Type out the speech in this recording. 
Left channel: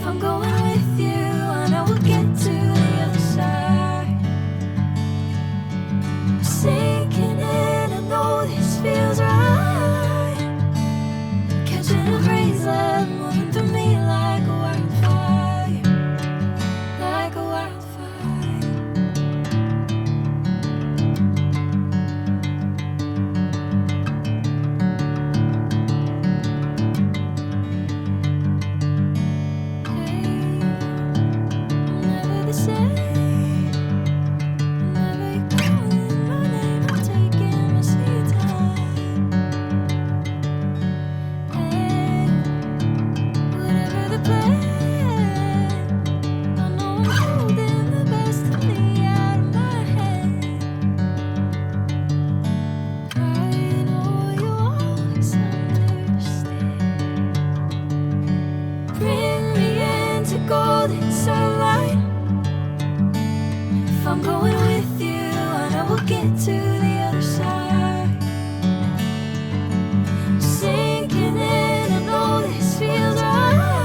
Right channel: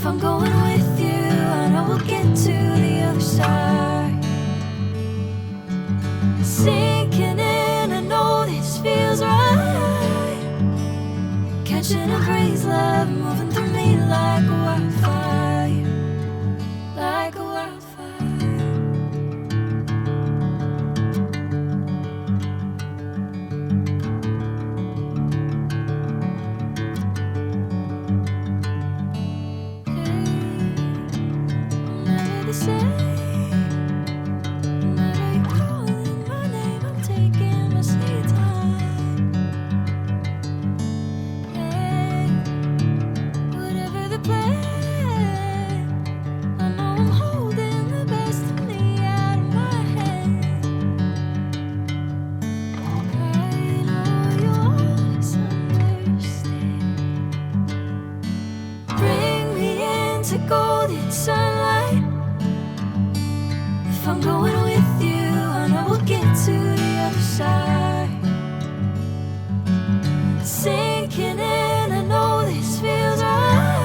If I'm going with you, I know we'll get to the other side. Sinking in, I know this feels right. Catching a breeze, love moving through me like a wildfire, like a wildfire. Hey, I'm never the same. Whenever you're calling my name, I'm taking my sweet time. Hey, whatever the plan, I know I'm holding the best of me out of my hand. I know you always understand. Bring me into golden sunlight. If I'm going with you, I know we'll get to the other side. Sinking in, I know this feels right.